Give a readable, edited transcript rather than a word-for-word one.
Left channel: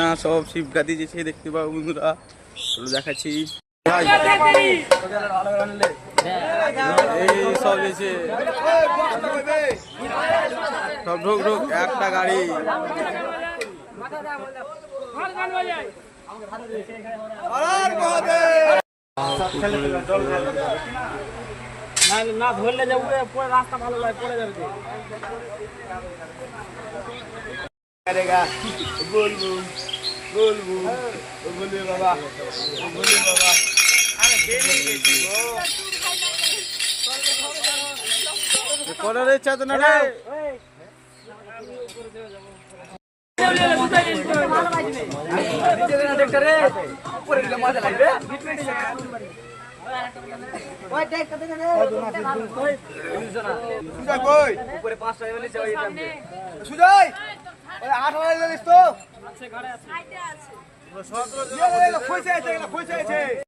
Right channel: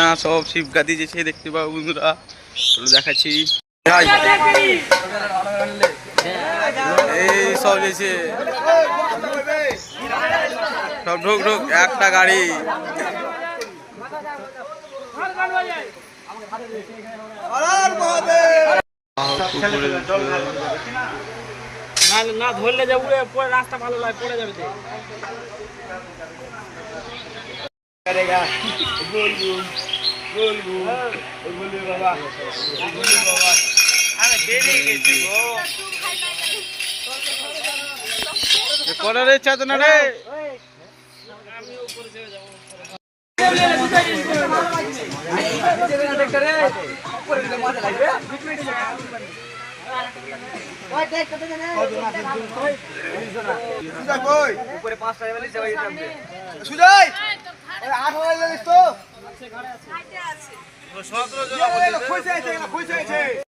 না সব শিবগাদি যেছে দেখতে পাবো বন্ধুরা, চলো দেখাচ্ছি। এই সব যেছে সব ঢুক ঢুক একটা গাড়ি। না ধরলে যাবো পরে রাস্তা ভালো লাগে পড়ে যাবে। করার ইচ্ছা তো না রে। উপরে 5 টাকা বলে যাই সুজয় এই 8 টাকা জানিস তো আছে ঘরে আছে 17 জন কইছে আছে